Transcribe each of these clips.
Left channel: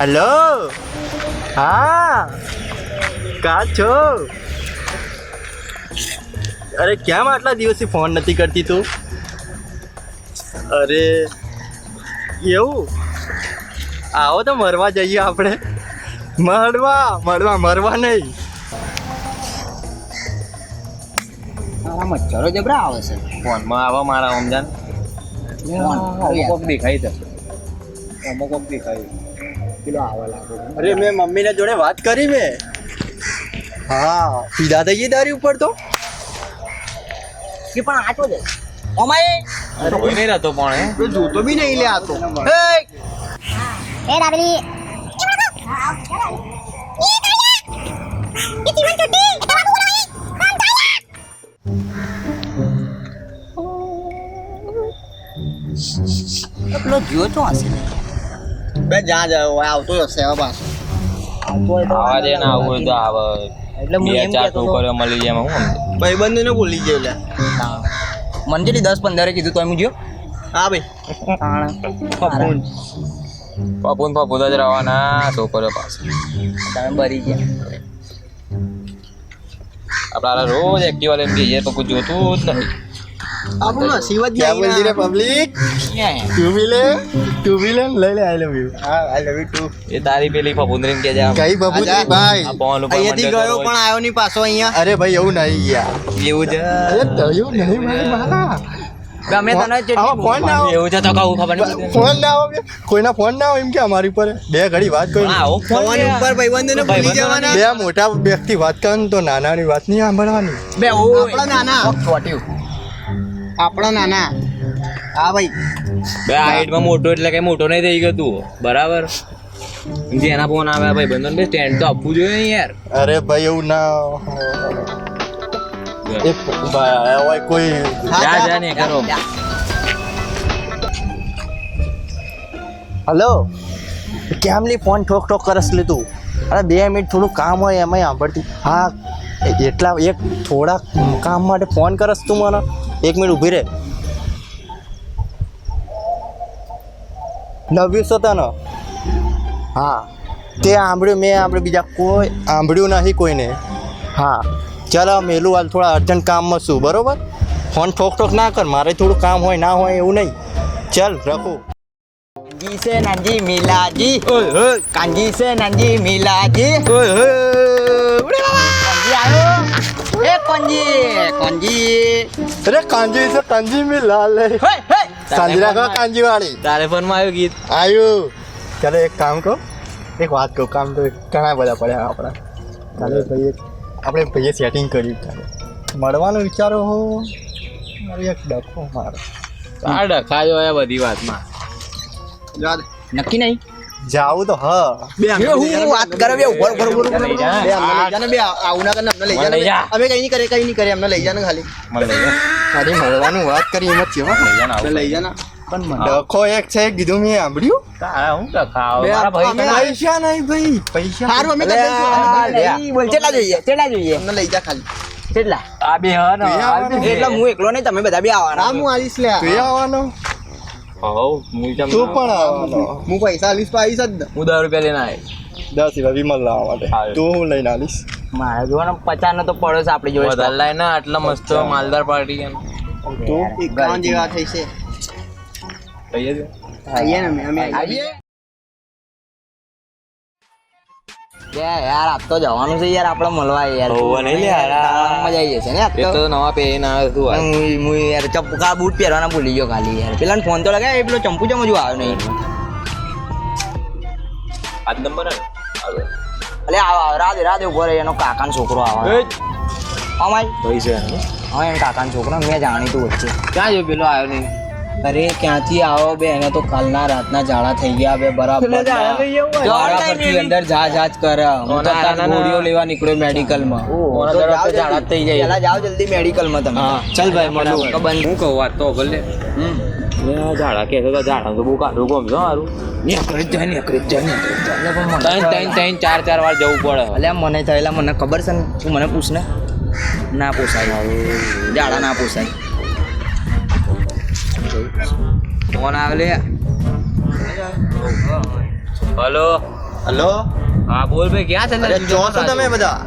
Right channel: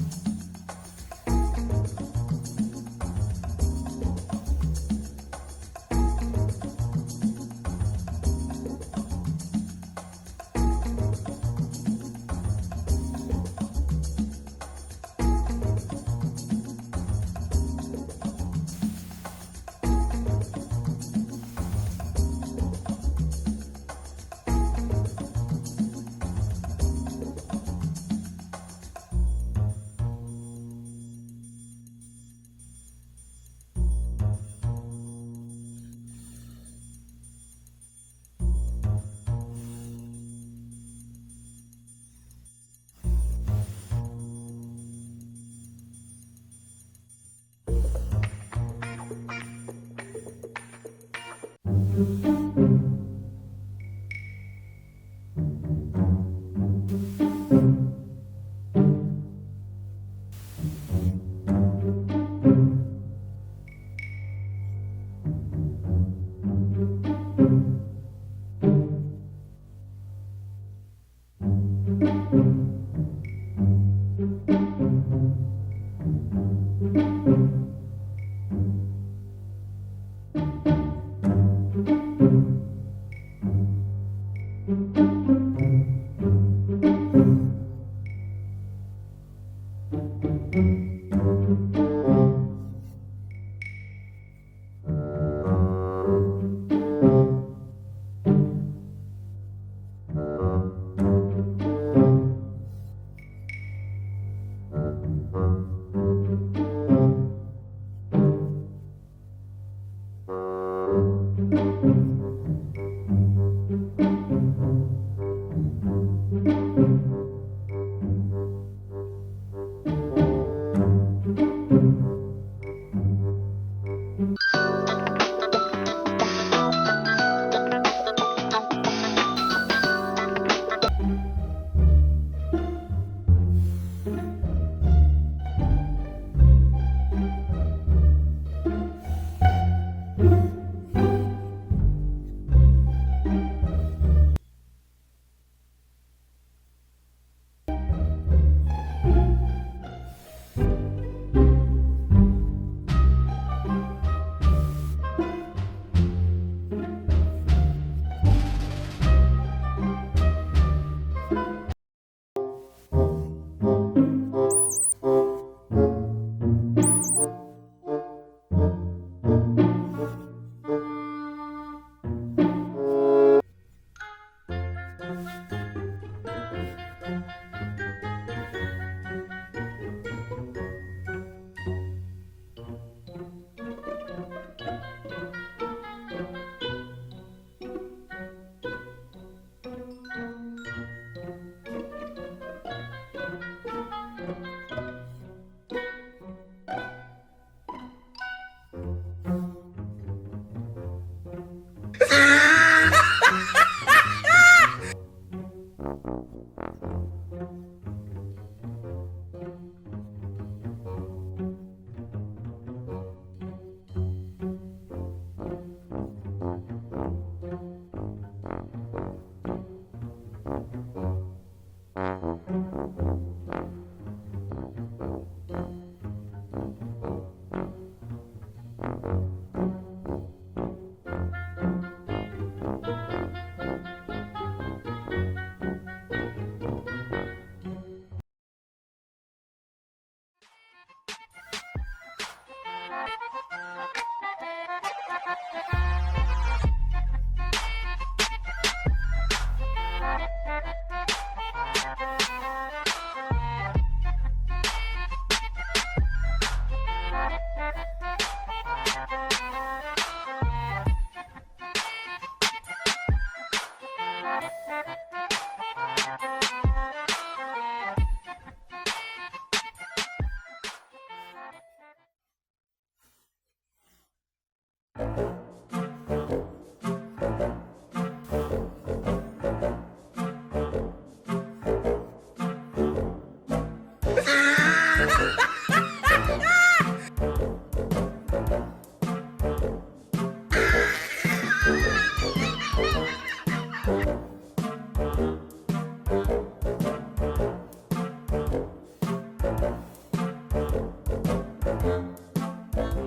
Hello. હા કા છો? અરે કેમ આટલા દિવસથી ફોન નથી કરતી તું? અરે એવું? આવો તો મરવા જઈએ આપણે. મરવા નહીં. મચ્છરો જબરા આવે છે ફોનમાં આવા મારા સમજાન દેખાય પેલો આવે લાગે. અરે મેં મમ્મીને જોડે વાત કરી મેં. હા પીધા થઈ ગઈ તારી ઉપર તો. કે પણ આટો જ અમાય કોઈ નહીં રહેતો પણ જોતો બી નહીં લે આ તો. એ રાબલી પેલો જીવો તો હશે બે જ્યાં જાય આવતો હશે હવે પાછો. આવા દે ને આવું હોય તો આવે એટલે હું બે એમ ચાર કહેતો છોકરીઓ મળી જાય એમાં હું ભાઈબંધને ભૂલી ગયો લે. મંજરી 10-15 કીધું તો એમ ગયો હા ભાઈ પપુન પપુદ જ રહેવાના છોકરીઓ પાસે તમે બરી ગયા આપડા રોજ એક્ટિવા લઈને જઈએ તો કોઈ જોતું જ નથી આપણું નસીબ જ ક્યાં બોલતી રે પબ્લિક. તું બી લે લઈ લે. આઈ લવ યુ. હા આઈ લવ યુ ટુ. એ તારી પેલી પપુંદરી કે જા કઈ બબુજી ભાઈ? આ બોલ ઉપર અહીંયાથી ગયો પણ આવ્યો નહીં પાછો અહીંયા. અરે ભાઈ એવું નહીં યાર. એવું છે અરે થયું નહીં ભાઈ મારા. અમે તને ફોન ના આવો. એવું છે તો કહું ખબર નહીં ફોન ના આવો બે. કોઈના ફોન ના આવે એમ કે અમારી ઉપર બે ઘડી વાત કરી. આવો ફોન ઉપર ભાઈબંધોને ભૂલી જવાના. બે મોટા વ્યક્તિ વાત કરે તો નાનાની વાત નહીં સાંભળવાની. બે આપણા નાના. છોટ્યું આપણા નાના. હા ભાઈ. બે હાઈટમાં મોટો એટલે કઈ મોટો નહીં થઈ ગયો તું બરાબર જેના ફોન આવે ભાઈ બંધન બે સ્ટેન્ડ તો આપવું જોઈએ ને યાર અરે ભાઈ એવું ના હોય કોઈ. જા ને કરો હલો કેમ લી ફોન ઠોક કરસ લે તું? અરે 2 મિનિટ થોડું કામ હોય એમાંય સાંભળતી. હા એટલા એક થોડા કામ માટે ફોન કરસ તું મને? 1 મિનિટ ઊભી રહે. નવ્યું છે તને? હા તે સાંભળ્યું મેં સાંભળ્યું બીજા કોઈ સાંભળ્યું નહીં કોઈને. હા ચાલો મેલું હાલ થોડા અર્જન્ટ કામમાં છું બરોબર. ફોન ઠોક ના કર મારે થોડું કામ હોય ના હોય એવું નહીં. ચાલ રાખો. કાંજી સે નાનજી મિલાજી કાંજી સે નાનજી મિલાજી કાંજી આવ્યો એ કાંજી અરે કાંજી છે કાંજી મેં લાલ સાંજી રાખો કાંજી વાળી. તારે ફોનમાં આવ્યું ગીત આવ્યું. ચાલો એક કામ કહો એક વાત કહું. કામ તો ઘણા બધા પડ્યા આપણા. ચાલો ભાઈ આપણે ભાઈએ સેટિંગ કર્યું. મળવાનું વિચારો હો એક ડખો મારો. આ ડખાયો હોય બધી વાતમાં નક્કી નહીં જાવું તો હા. હું વાત કરે બે ઉપર લઈ જા. લઈ જા. અમે કઈ નહીં કરે અમને લઈ જાને ખાલી. મને લઈ જા. ખાલી મળવાનું વાત કરી એમ જ છે. લઈ જા ને આવું. લઈ જાને પણ ડખો એક છે કીધું મેં સાંભળ્યું. તારા હું ડખાવ મારા ભાઈ અમે પૈસા નહીં ભાઈ પૈસા સારું અમે બોલ કેટલા જોઈએ અમને લઈ જા ખાલી. કેટલા આ બે હા ને એટલે હું એકલો નહીં તમે બધા બી આવવાના. હું આવીશ લે. તું આવવાનો? હવ હું તું પણ આવવાનો. હું પૈસા આલીશ તો આવીશ જ ને. હું 10 રૂપિયા લઈને આવ્યો 10 રૂપિયા વિમલ લાવવા માટે. હારું. તું હું લઈને આવીશ. મારે જોવાનો 50 નો તો પડો છે આપણી જોડે વધારે લાઈને આટલા મસ્ત માલદાર પાર્ટી કેમ તું 51 જેવા થઈ છે. લઈએ દે. આવીએ ને અમે આવીએ યાર આપ તો જવાનું છે યાર આપણે મળવા યાર હોવે નહીં લે યાર. મજા આવી જશે ને આપ એ તો નવા પહેરીને આવ્યો તું આજ. હું યાર ચંપકા બૂટ પહેરવાના ભૂલી ગયો ખાલી યાર પેલા ફોન તો લગાય એ પેલો ચંપુ ચમ હજુ આવ્યો નહીં આજ નંબર હે? અલે રાધે ઉભો રહે એનો કાકાનો છોકરો આવે અમાય પૈસા હા એનો કાકાનો છોકરો મેં જાણીતું વચ્ચે ક્યાં જો પેલો આવ્યો નહીં અરે ક્યાંથી આવો બે એને તો કાલના રાતના ઝાડા થઈ ગયા બે બરાબર પરથી અંદર જા કરે હું તો તાર ગોળીઓ લેવા નીકળ્યો મેડિકલમાં ઓના દરવાજે તો ઝાડા જ થઈ જાય. પેલા જાઓ જલ્દી મેડિકલમાં તમે ચાલ ભાઈ મળું હું કહું વાત તો ભલે ઝાડા કે તો ઝાડા તો બહુ કાઢું ગમશે સારું ત્રણ ચાર વાર જવું પડે અલ્યા મને થયેલા મને ખબર છે ને તું મને પૂછ ને ના પૂછાય ઝાડા ના પૂછાય ફોન આવે લે હલો હલો હા બોલ ભાઈ ક્યાં છે અરે ચો છો તમે બધા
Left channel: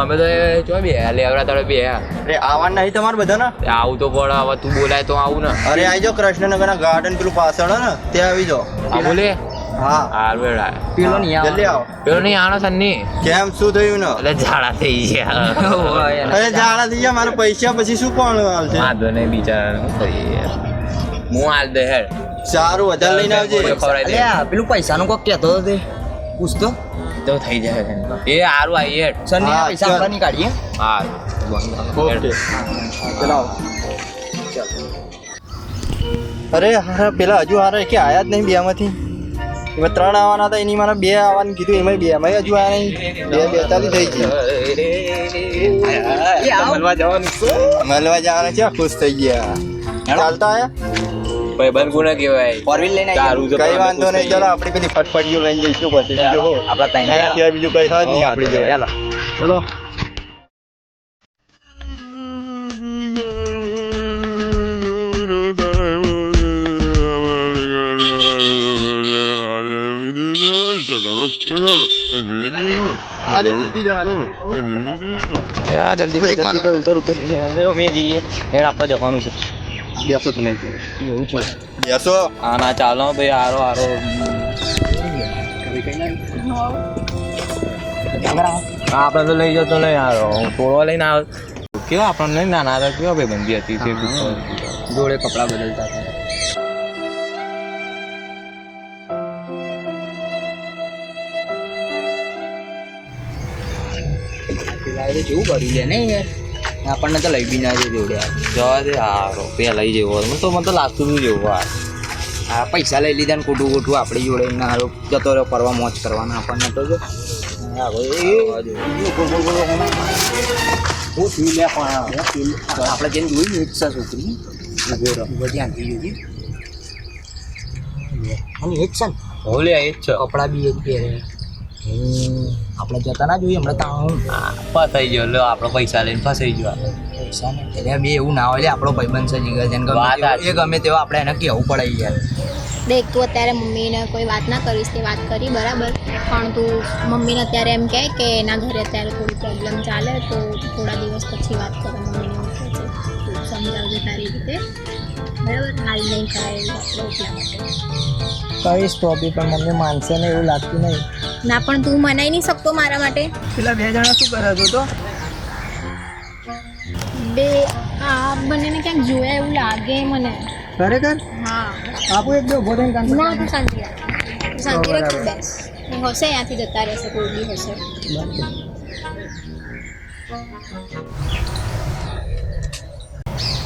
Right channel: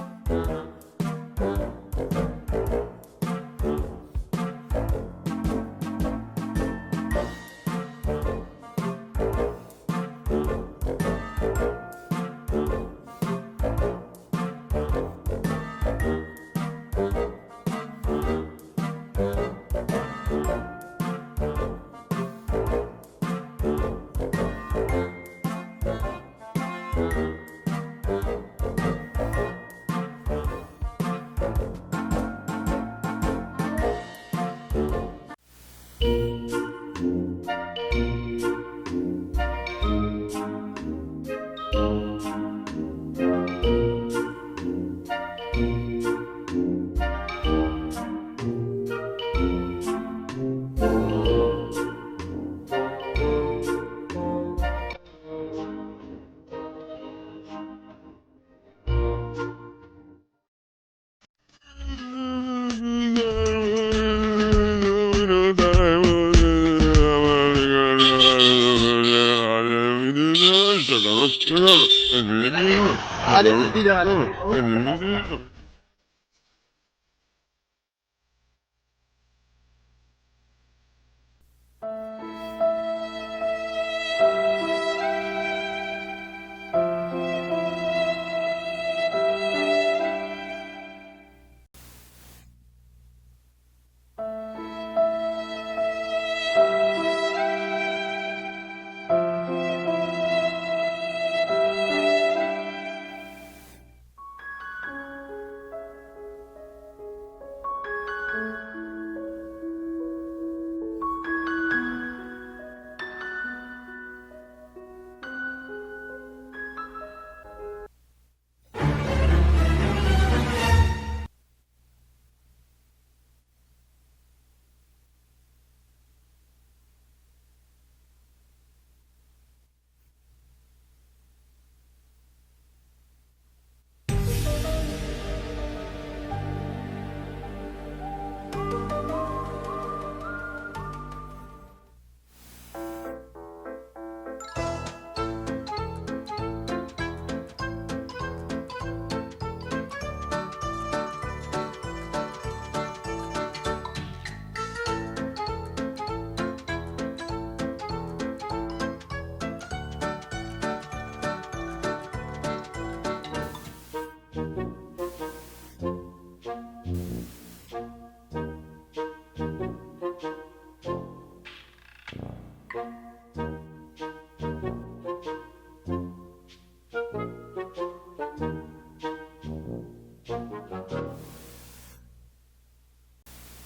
અમે તો ચો બે લેવડા તારે બે અરે આવવાનું નહીં તમારે બધા ને આવું તો પણ હવે તું બોલાય તો આવું ને અરે આવી જાઓ કૃષ્ણનગરના ગાર્ડન પેલું પાછળ હે ને ત્યાં આવી જાઓ આ બોલે હા હાર બેડા પેલો નહીં આવે જલ્દી આવો પેલો નહીં આનો સન્ની કેમ શું થયું ને એટલે ઝાડા થઈ ગયા અરે જાડા થઈ ગયા મારા પૈસા પછી શું પણ આવશે વાંધો નહીં બિચારા હું હાલ દે હેડ સારું વધારે લઈને આવજે ખવડાવી દે અલ્યા પેલું પૈસાનું કોક કહેતો હતો તે પૂછતો તો થઈ જાય એ હારું આવી હેડ સરની હા, પૈસા ચાલ. આપણા નીકાળીએ હારું ઓકે ચલાવો અરે હા પેલા હજુ હારે કે આયા જ નહીં બેમાંથી એમાં 3 આવવાના હતા એની મારા 2 આવવાનું કીધું એમાં 2 એમાં હજુ આયા નહીં 2:42 થઈ ગઈ મળવા જવાના છે ખુશ થઈ ગયા ચાલતા આયા ભાઈ બંધ ગુના કહેવાય ફોર વ્હીલ લઈને તારું તો કઈ વાંધો નહીં ચાલો આપણી પેલી ફટફટીઓ લઈ જઈશું પછી બીજું હો આપણા ત્રણ અહીંયા બીજું કઈ હોય જ નહીં આપણી જોડે ચલો યાર જલ્દી મેં જઈએ હેડ આપણે જવાનું છે બેસો તમે બેસો આના ચાલો ભાઈ હારો હારો આપણે તો લઈ જતો નહીં હારો તોડવા લઈને આવ કેવા આપણને નહીં નાના હતા કેવા ભાઈ બંધી હતી તે જોડે કપડા બદલતા જેવું કર્યું છે ને આપણને તો લઈ બી ના જોડે જવા દે હારો પેલા લઈ જેવો મને તો લાગતું હતું જેવું આ પૈસા લઈ લીધા ને ખોટું ખોટું આપણી જોડે ના હારો જતો રહ્યો કરવા મોજ કરવાના આપણને તો જો આપણે જેમ જોયું ને ઈચ્છા છોકરી ધ્યાનથી જોયું અને એક છે ને હોલે એ જ છે કપડા બી એક પહેરે આપણે જતા ના જોઈએ હમણાં તો ફસાઈ ગયો લો આપણો પૈસા લઈને ફસાઈ ગયો પૈસા ને એટલે બે એવું ના હોય લે આપણો ભાઈબંધ છે જીગર જેને વાત ગમે સાચી. એ ગમે તેવો આપણે એને કહેવું પડે યાર દેખ તું અત્યારે મમ્મીને કોઈ વાત ના કરીશ તે વાત કરી બરાબર પણ તું મમ્મીને અત્યારે એમ કહે કે એના ઘરે અત્યારે થોડી પ્રોબ્લેમ ચાલે તો થોડા દિવસ પછી વાત કરો મમ્મીને તું સમજાવજો તારી રીતે બરાબર હાલ નહીં કરાય કહીશ તો બી પણ મમ્મી માનશે ને એવું લાગતું નહીં ના પણ તું મનાઈ નહીં શકતો મારા માટે પેલા 2 જણા શું કરે છે તો બે આ બંનેને ક્યાંક જોયા એવું લાગે મને ખરેખર હા આપો એક બે ઉભો થઈને કામ ના તું શાંતિ રાખ તું શાંતિ રાખ તું બેસ એ હશે અહીંયાથી જતા રહેશે કોઈ બી હશે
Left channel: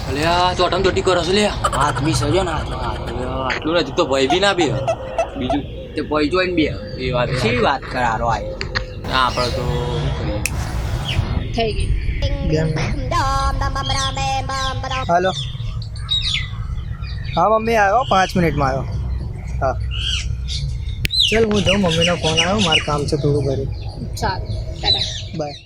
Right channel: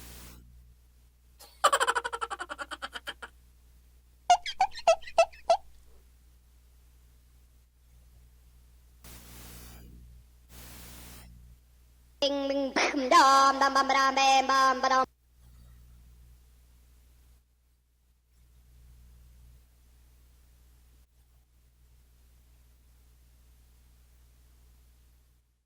અલ્યા ચોટમ ચોટી કરો છો લે હાથ બી સજો ને આટલું નથી તો ભય બી ના બી બીજું તે પૈ જોઈને બે એ વાત શી વાત કરારો આય આપણે તો શું કરીએ થઈ ગઈ હાલો હા મમ્મી આવ્યો 5 મિનિટમાં આવ્યો હા ચાલ હું જાઉં મમ્મીનો ફોન આવ્યો મારું કામ છે થોડું ઘરે સારું ટાટા બાય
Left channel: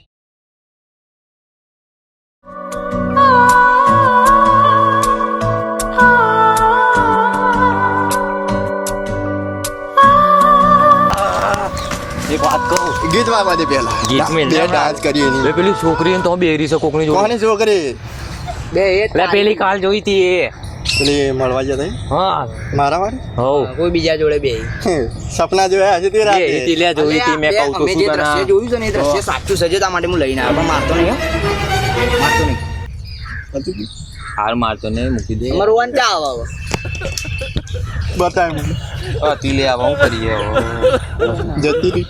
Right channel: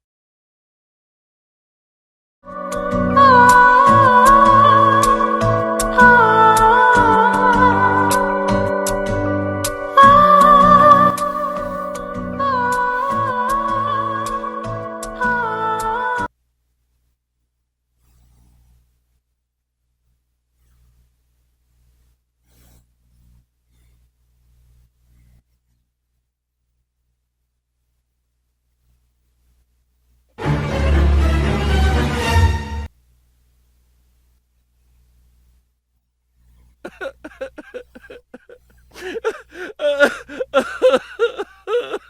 એક વાત કહું ગીત વાગવા દે પેલા ગીત મેં બે ડાન્સ કરીએ એની. બે પેલી છોકરી તો બેરી છે કોકની જોડે કોની છોકરી બે એ એટલે પેલી કાલ જોઈ હતી એ પેલી મળવા જતા ઈ? હા મારા વાળી હવ કોઈ બીજા જોડે બે સપના જોયા હશે તે એ રાતે હતી લે જોઈ હતી મેં કહું તો અમે શું જે દ્રશ્ય તને જોયું છે ને એ દ્રશ્ય સાચું સજેતા માટે હું લઈને આવ્યો પણ મારતો નહીં હો. મારતો નહીં હાર મારતો ને મૂકી દે અમારું વાન ચા આવે બતાય મને. હતી લે આવા હું કરીએ હવે. જતી રહી.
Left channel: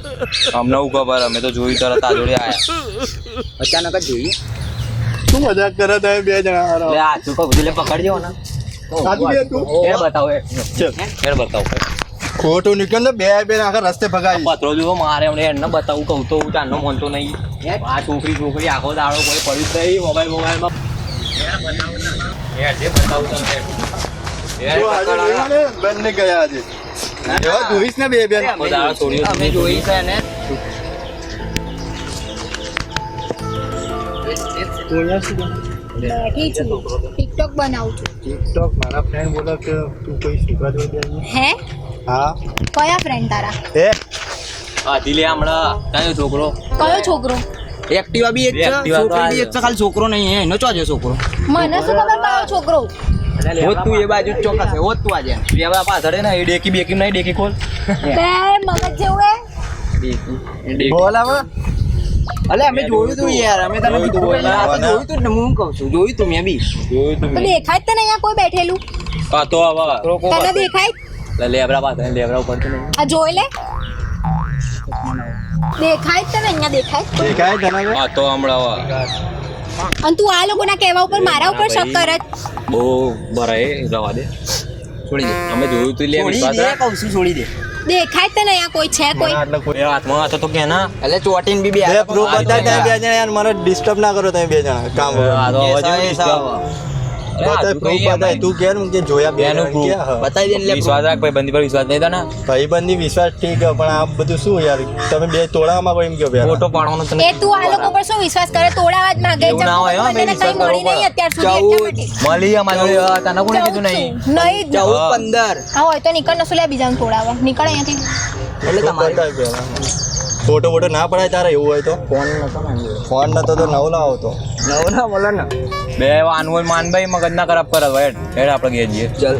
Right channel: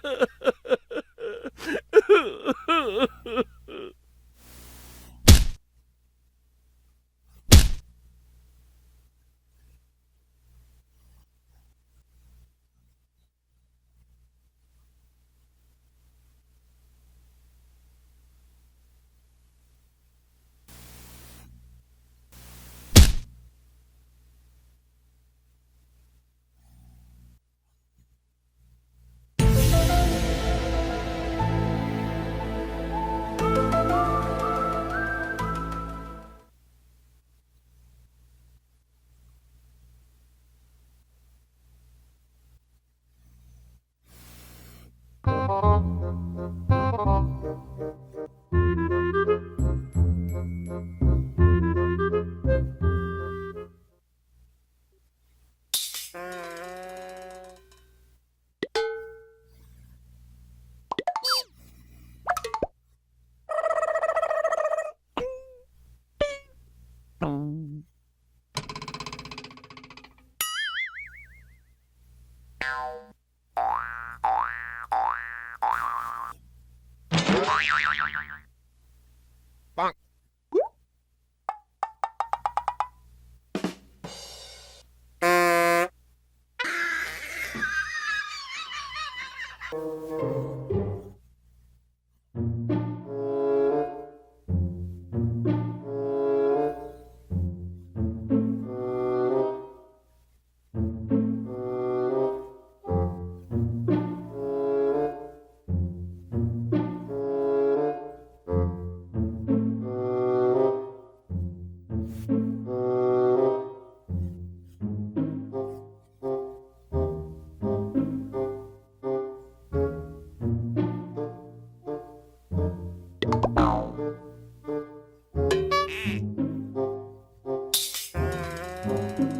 અમને હું ખબર અમે તો જોઈ તરત આ જોડે આયા અચાનક જ જોઈએ શું મજાક કરે તમે બે જણા હારા? લે આ તું કહું લે પકડજો ને સાચું કે તું? એ બતાવો એ ચલ. એ બતાવો ખોટું નીકળ ને બે આખા રસ્તે ભગાવી પત્રો જો મારે એમને એને બતાવું કહું તો હું ચાંદનો મોનતો નહીં આ છોકરી આખો દાડો કોઈ પડ્યું જ નહીં મોબાઈલમાં જે બતાવું તમને જો આજે જોયું ને, બંને ગયા આજે એવા જોઈશ ને બે બેન આખો દાડો છોડ્યો અમે જોઈ છે ને બેઠી છું ટિકટોક બનાવું છું ટિકટોક મારા ફ્રેન્ડ બોલે કે તું કોઈ છોકરા જોડે બેસી. હે હા કયા ફ્રેન્ડ તારા? એ આથી લે હમણાં તારો છોકરો કયો છોકરો? એક્ટિવા બી એક છે, Activa તો છોકરી બી એક છે, ખાલી છોકરો નહીં હે. એનો ચોજો છોકરો. મને શું ખબર કયો છોકરો? હોત તું એ બાજુ જ ચોક્કસ હે, હોત તું આજે. લેવા પાછળ હે ને એ ડેકી બેકી નહીં ડેકી ખોલ બે મગજ જેવું હે. ડેકી બોલ હવે અલે અમે જોયું તું યાર, અમે તને કીધું એટલે આ તો જોયું તું ને, હું કહું છું જોયું તું મેં બી. જોયું તું તો દેખાય જ તને અહીંયા કોઈ બેઠેલું? આ તો હવે તને દેખાય? લેબરા પાછળ લેબરા ઉપર આ જોઈ લે. દેખાય જ તને અહીંયા દેખાય? દેખાય તને આ તો હમણાં અને તું આ લોકોના કહેવા ઉપર મારા ઉપર શક કરે જ? બહુ ભરાય રવા દે છોડી દે અમે જોયું તું લે છોડી વિશ્વાસ દે, રાખ. કહું છું છોડી દે. દેખાય જ તને અહીંયા કોઈ છે કોઈ? એટલે કોઈ એ હાથમાં હાથ હતો કે ના એટલે ચોટીને બી બે બે પ્રૂફ બતાય તમે બે જણા યાર મને ડિસ્ટર્બ ના કરો તમે બે જણા કામ આ તો અવાજ બતાય પ્રૂફ બતાય તું કે ને કે જોયા બે બેનું જણા proof. ક્યાં હા બતાવી દે ને લે. વિશ્વાસ રાખ ભાઈ બંદી પર વિશ્વાસ નહીં તને ભાઈબંધની વિશ્વાસ ઠીક હે પણ આ બધું શું યાર તમે બે તોડામાં કોઈ એમ કહો બે ફોટો પાડવાનો તને એ તું આ લોકો પર શું વિશ્વાસ કરે? તોડાવા જ માંગે એવું ના હોય, હો, મને કઈ મળી નહીં અત્યાર સુધી એટલા માટે. મળી અમારે જોડે, તને કોણે કીધું નહીં નહીં જ. 14, 15 હા હોય તો નીકળ નસું લે બીજાને તોડાવા નીકળ અહીંયાથી. એટલે તમારે બતાય પહેલા ફોટો ફોટો ના પડાય તારે એવું હોય તો ફોન નતો ને. ફોન નતો તો નવ લાવો તો નવો ના બોલો ને. બે આનવલ માનભાઈ મગજ ના ખરાબ કરે ભાઈ હેડ આપણે ગયા જઈએ ચલ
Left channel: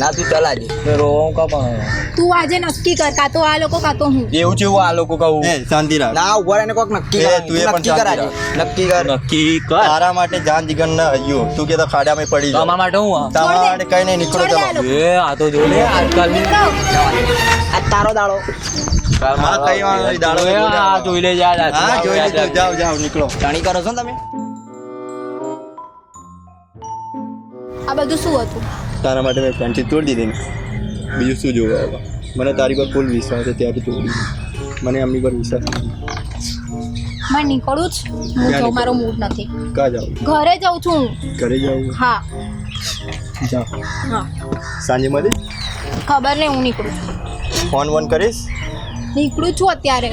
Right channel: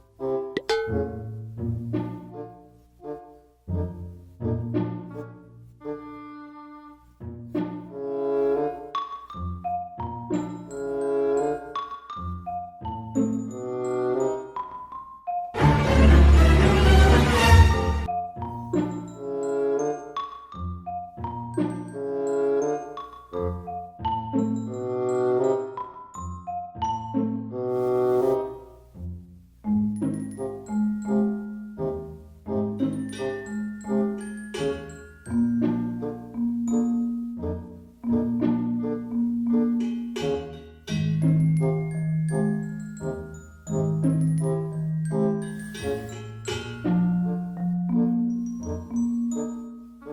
ના તું ચલ આજે. રોવું કા પણ તું આજે નક્કી કર કાં તો આ લોકો કાં તો હું. એવું છે આ લોકો કહું એ શાંતિ રાખ ના ઉભા રહીને કોક નક્કી એ, કર. તું એ પણ નક્કી કર આજે. નક્કી કર. નક્કી કર તારા માટે જાન જીગર ના હૈયું તું કે તો ખાડામાં પડી તો જાવ અમારા માટે હું તમારા માટે કઈ નહીં નીકળો છોડ દે આ ચલો લોકો. એ આ તો જો લે આજકાલ આ તારો દાડો. હા કઈ વાંધો નહીં દાડો એ આ જોઈ લે યાર હા જોઈ લેજો જાઓ જાઓ નીકળો જાણી કરો છો ને તમે? આ બધું શું હતું? તારા માટે મેં ફ્રેન્ડશીપ તોડી દીધી ને બીજું શું જોવા હવે મને તારી પર ફૂલ વિશ્વાસ છે ત્યાંથી તોડી મને એમની પર વિશ્વાસ નથી. મારે નીકળવું જ. હું ક્યાં જાઉં, મારો મૂડ નથી. કાં જાઉં ઘરે જાઉં છું હું. ઘરે જાઉં હા જાઓ હા સાંજે મળી ખબર નહીં હું નીકળું છું. ફોન વોન કરીશ નીકળું છું અત્યારે.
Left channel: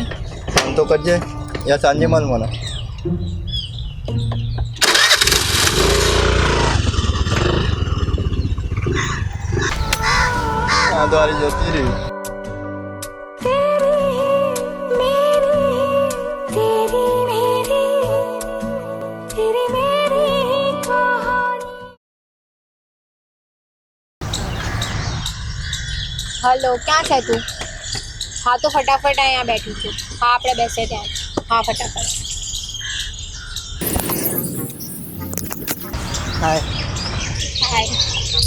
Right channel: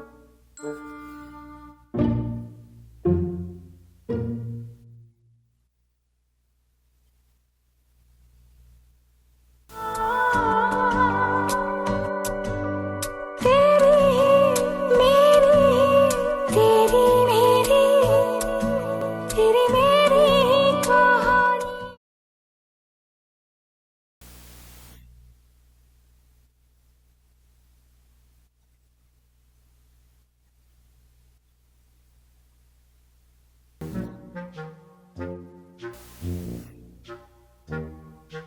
ફોન તો કરજે યા સાંજે મળ મને હા દ્વારી જતી રહી હલો ક્યાં છે તું? હા તો ફટાફટ અહીંયા બેઠી છું. હા આપણે બેસે ત્યાં જ. હા ફટાફટ. હાય. હાય.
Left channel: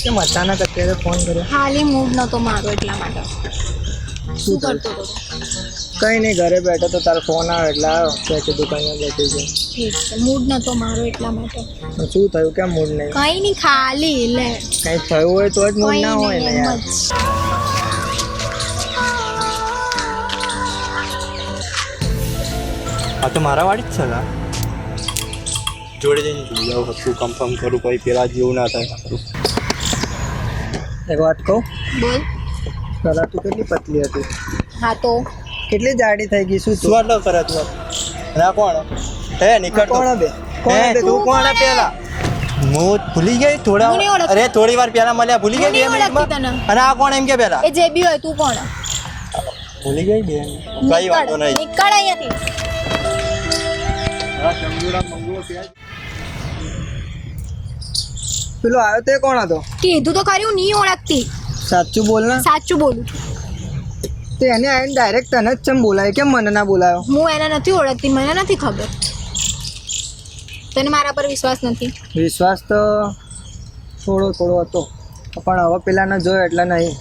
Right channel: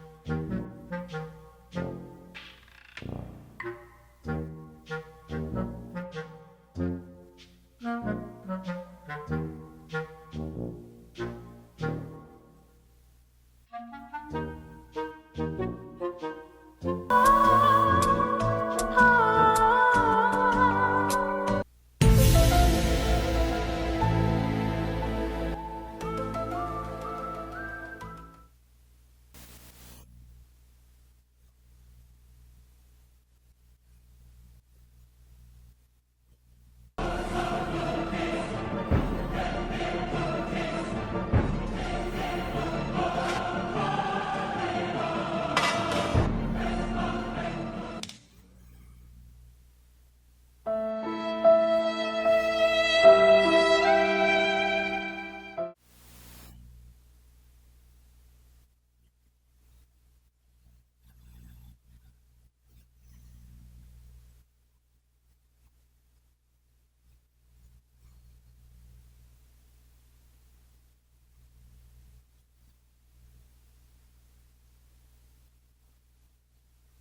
કેમ અચાનક અત્યારે ફોન કર્યો? ખાલી મૂડ નહોતો મારો એટલા માટે. શું કરતો હતો? કઈ નહીં, ઘરે બેઠો તો તારો ફોન આવે એટલે આવ્યો કે કીધું કઈ બેઠી છે. ઠીક છે મૂડ નહોતો મારો એટલા માટે. શું થયું? કેમ મૂડ નહીં? કંઈ નહીં ખાલી લે. કઈ થયું હોય તો જ મૂડ કંઈ ના હોય ને નહીં યાર. એમ જ. આ તો મારા વાળી જ છે ને જોડે જઈને જોઈ આવું શું કન્ફર્મ કરું પછી પેલા જેવું ના થાય એક વાત કહું, બોલ. પેલા તું કેટલી પતલી હતી, હા તો કેટલી જાડી થઈ ગઈ. શું શું આટલો કરે તું અને આ કોણ હે નીકળ તો. કોણ બે? હે કોણ બે? તું કોણ હે પેલા હું ભૂલી ગઈ થોડા હું નહીં ઓળખતી. અરે થોડી વાર પહેલા મળ્યા ભૂલી હું ગઈ નહીં બે ઓળખતી મિનિટમાં? તને. અને આ કોણ એમ કે પેલા એ જે બી હોય તું કોણ? ભૂલી ગઈ બે કઈ વાંધો નીકળ. નહીં નીકળ અહીંયાથી. પેલો આવ્યો તે કોણ હતો? કીધું તો ખરી હું નહીં ઓળખતી. સાચું બોલ ને. સાચું બોલું છું. તે એને આવીને ડાયરેક્ટ તને જ ચમ બોલાય, કેમ મને ના બોલાયો? હું એને નથી ઓળખતી, મને નથી ખબર. તને મારા પર વિશ્વાસ નથી? વિશ્વાસ તો થોડો થોડો હતો, પણ હવે પેલાને જોયો એટલે નહીં.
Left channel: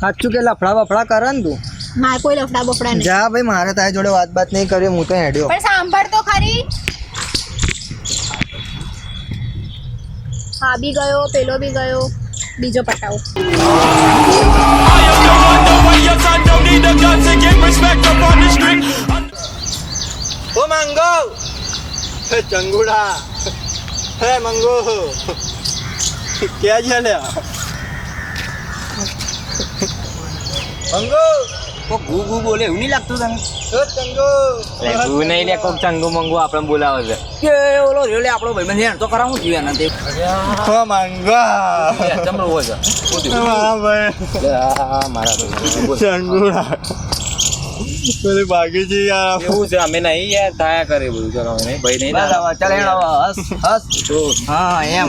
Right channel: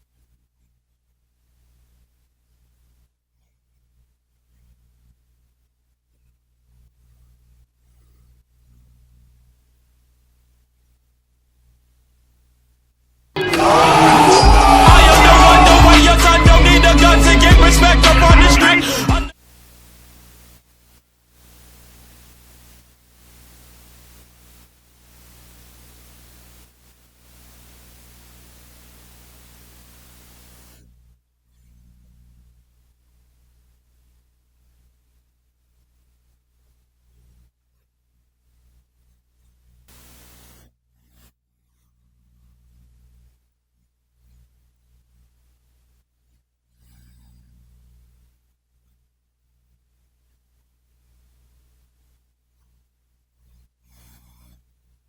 સાચું કે લફડા બફડા કરે ને તું? મારે કોઈ લફડા બફડા નહીં. જા ભાઈ, મારે તારી જોડે વાત નહીં કરી, હું તો હેડ્યો. પણ સાંભળ તો ખરી. હા બી ગયો, પેલો બી ગયો, બીજો પટાવો. ઓ મંગો હે ચંગુડા હે મંગો ક્યાં છે લ્યા મંગો કોક ગુ ગુ બોલે એવું નહીં લાગતું તને તું નહીં લે કોક ચંગુ મંગુ આપણે બોલાવે છે કે ઓલો રેલે આપણો ભાઈબંધ હેણ તો કરાવું જોઈએ એના તે હા માંગા ચમડો હોય છે મારા ભાઈ ચંગુડા પેલી બાકી છે યાર એવું છે અમે નહીં યાર થાય કરે બધું ચલો અમે નહીં ભાઈ નહીં ચાલ હેણ હસ હસ હા એમ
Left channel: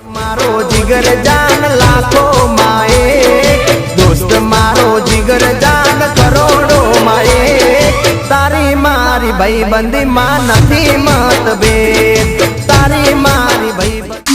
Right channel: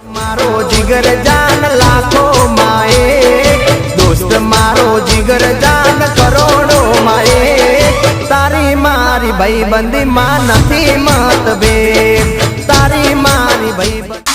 મારો જીગર જાન લાખો માએ દોસ્ત મારો જીગર જાન કરોડો માએ તારી મારી ભાઈબંધી માં નથી મતભેદ તારી મારી ભાઈબંધી